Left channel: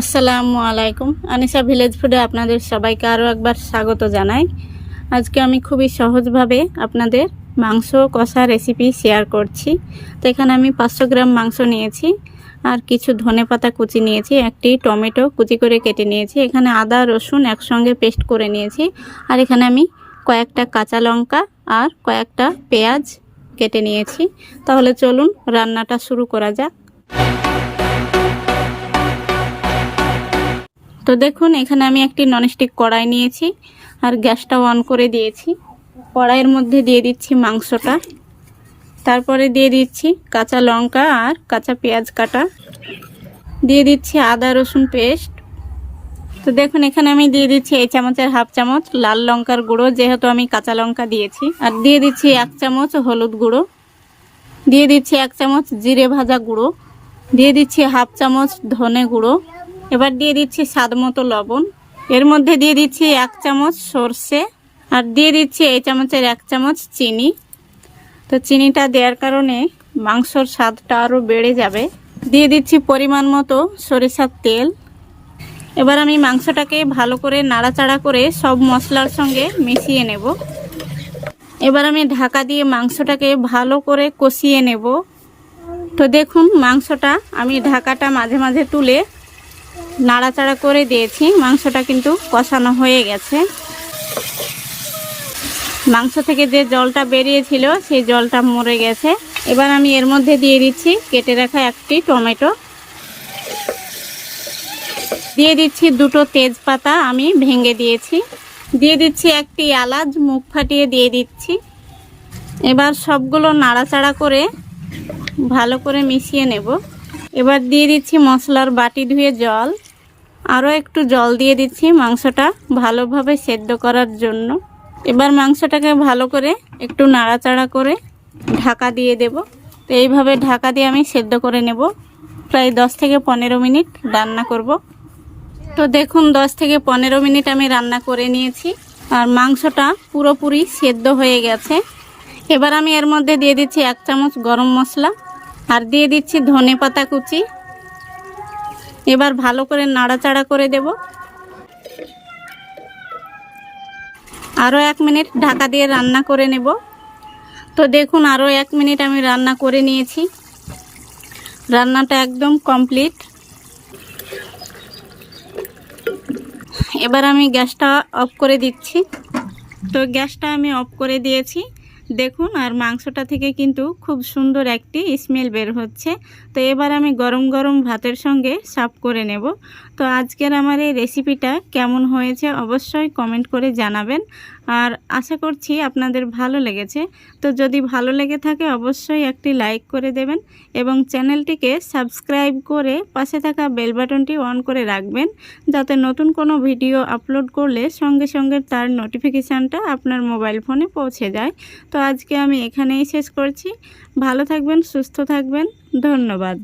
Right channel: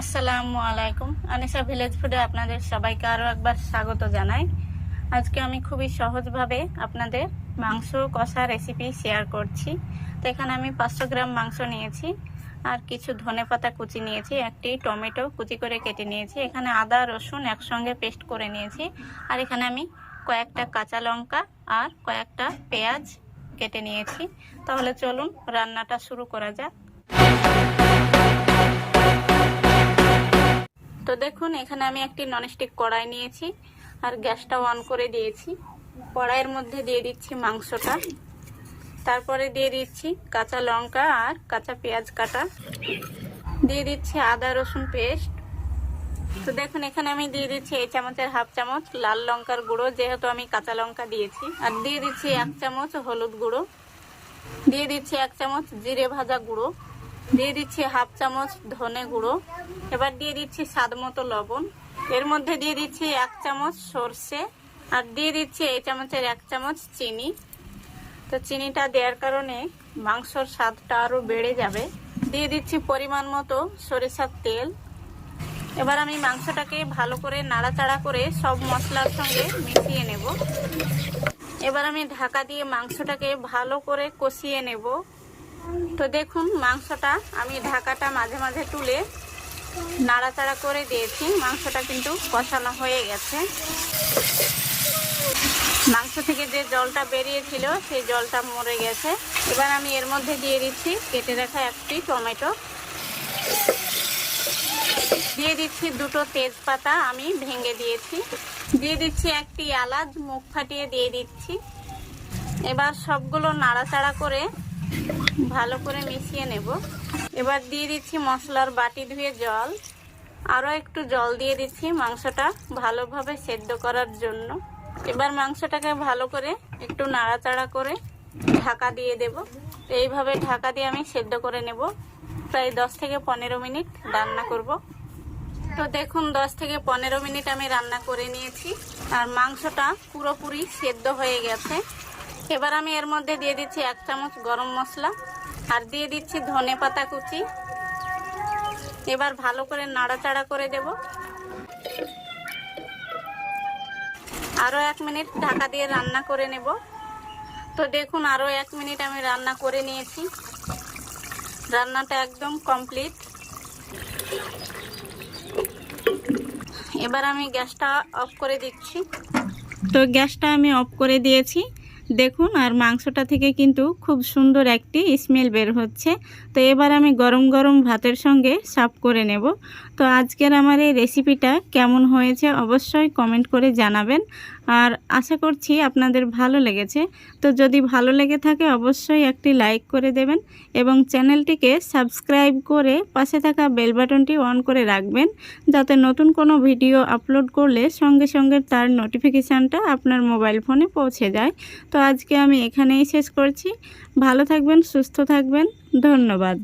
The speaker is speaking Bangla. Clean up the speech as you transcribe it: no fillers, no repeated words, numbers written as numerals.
আসসালামু আলাইকুম। আনিশা ভিলেজ ফুডে আপনাদের সবাইকে আরও একবার স্বাগত জানাই। আজকে আমি খুবই সহজভাবে আপনাদের মাংস কষা রেসিপি শেয়ার করছি। তো এখানে আমি 500 গ্রাম মাংস নিয়েছি, আর কিছু ধনেপাতা কুচি নিয়েছি, একটি টমেটো কুচি করে কেটে নিয়েছি, এখানে আদা রসুন একসঙ্গে পেস্ট করে নিয়েছি, আর এখানে আমি কয়েকটা কাঁচা লঙ্কা আর কয়েকটা পেঁয়াজ কেটে নিয়েছি। তাহলে চলুন রান্নাটা শুরু করা যাক। তো দেখুন, এখানে আমি একটি ননস্টিক কড়াই নিয়েছি আর গ্যাসটা অন করে দিয়েছি। কড়াইয়ের মধ্যে দিয়ে দিচ্ছি মাংসটা, তারপরে দিয়ে দিচ্ছি কাঁচা লঙ্কা আর কাঁচা পেঁয়াজ কাটা, দিয়ে দিচ্ছি আদা রসুন পেস্ট। তো দেখুন, এখানে আমি দিয়ে দিচ্ছি এই চামচের হাফ চামচ লাল লঙ্কার গুঁড়ো, যেহেতু আমি কাঁচা লঙ্কা দিয়েছি, আর দিয়ে দিচ্ছি 1 চামচ হলুদ গুঁড়ো, দিয়ে দিচ্ছি 1 চামচ জিরে ভাজা গুঁড়ো, দিয়ে দিচ্ছি হাফ চামচ ধনে গুঁড়ো, এবার দিয়ে দিচ্ছি স্বাদ মতো লবণ, এর মধ্যে দিয়ে দিচ্ছি 1 চামচ সর্ষে, আর দিয়ে দিচ্ছি এই চামচের 1 চামচ চিনি। তো চিনিটা দেওয়ার কারণে মাংসর স্বাদটা আরও বেড়ে যাবে। দিয়ে দিচ্ছি পরিমাণ মতো সরিষার তেল। এবার আমি মাংসটাকে ভালো করে নাড়াচাড়া করে সব মশলার সঙ্গে মিশিয়ে নেব। এবার আমি ঢাকা দিয়ে মাংসটাকে ভালো করে কষিয়ে নেব। তো দেখুন, মাংসটা আমি ঢাকাটা মাঝে মাঝে তুলে নাড়াচাড়া করে দিয়েছি। মাংসটা কিন্তু কষানো হয়ে গেছে। মাংস থেকে যে জলটা বেরিয়েছিল সেই জলটা মরে গেছে। এবার আমি এর মধ্যে দিয়ে দিচ্ছি কেটে রাখা একটি টমেটো, দিয়ে দিচ্ছি 2টো তেজপাতা আমি ভেঙে দিয়েছি, দিয়ে দিচ্ছি একটি এলাচ মুখ ফাটিয়ে দিয়ে দিচ্ছি। এবার সবগুলো নাড়াচাড়া করে ভালো করে মিশিয়ে নেব। এবার দিয়ে দিচ্ছি মশলার বাটি ধুয়ে জল, আরও একটু জল দিয়ে দিচ্ছি মাংসটা ভালোভাবে সেদ্ধ করার জন্য। এবার মাংসটাকে ভালো করে একটু নাড়াচাড়া করে ঢাকা দিয়ে দেব। তো এইভাবে ঢাকা দিয়ে আমি সেদ্ধ করে নেব। প্রায় 10 থেকে 15 মিনিট রান্না করব। তো দেখুন, 10 থেকে 15 মিনিট আমি রান্না করে নিয়েছি, আর মাংসটা পুরোপুরি সেদ্ধ হয়ে গেছে। এবার আমি এর মধ্যে দিয়ে দিচ্ছি 1 চামচ গরম মশলা, আর দিয়ে দিচ্ছি ধনেপাতা কুচি। এবার ভালো করে নাড়াচাড়া করে দেব। আরও 1 মিনিট ঢাকা দিয়ে রান্না করে নেব। তো দেখুন, আরও 1 মিনিট আমি রান্না করে নিয়েছি। রান্নাটা একদম কমপ্লিট। এবার আমি গ্যাসটা অফ করে দিচ্ছি। তো গ্যাসটা আমি অফ করে দিয়েছি দেখুন, আর মাংসটা থেকে কিন্তু খুব সুন্দর একটি স্মেল বের হচ্ছে। তো এবার আমি গরম গরম ভাতের সঙ্গে সার্ভ করে নেব। তো আজকের আমার এই রেসিপিটা কেমন হয়েছে অবশ্যই কমেন্ট করে জানাবেন, আর আশা করছি আপনাদের ভালো লেগেছে। তো যদি ভালো লেগে থাকে অবশ্যই একটি লাইক করে দেবেন, এবং চ্যানেলটিকে সাবস্ক্রাইব করে পাশে থাকা বেল বাটনটি অন করে রাখবেন, যাতে নতুন কোনো ভিডিও আপলোড করলে সঙ্গে সঙ্গে তার নোটিফিকেশানটা আপনার মোবাইল ফোনে পৌঁছে যায়। তো আজকে আমি এখানেই শেষ করছি। ভালো থাকবেন, সুস্থ থাকবেন, ধন্যবাদ।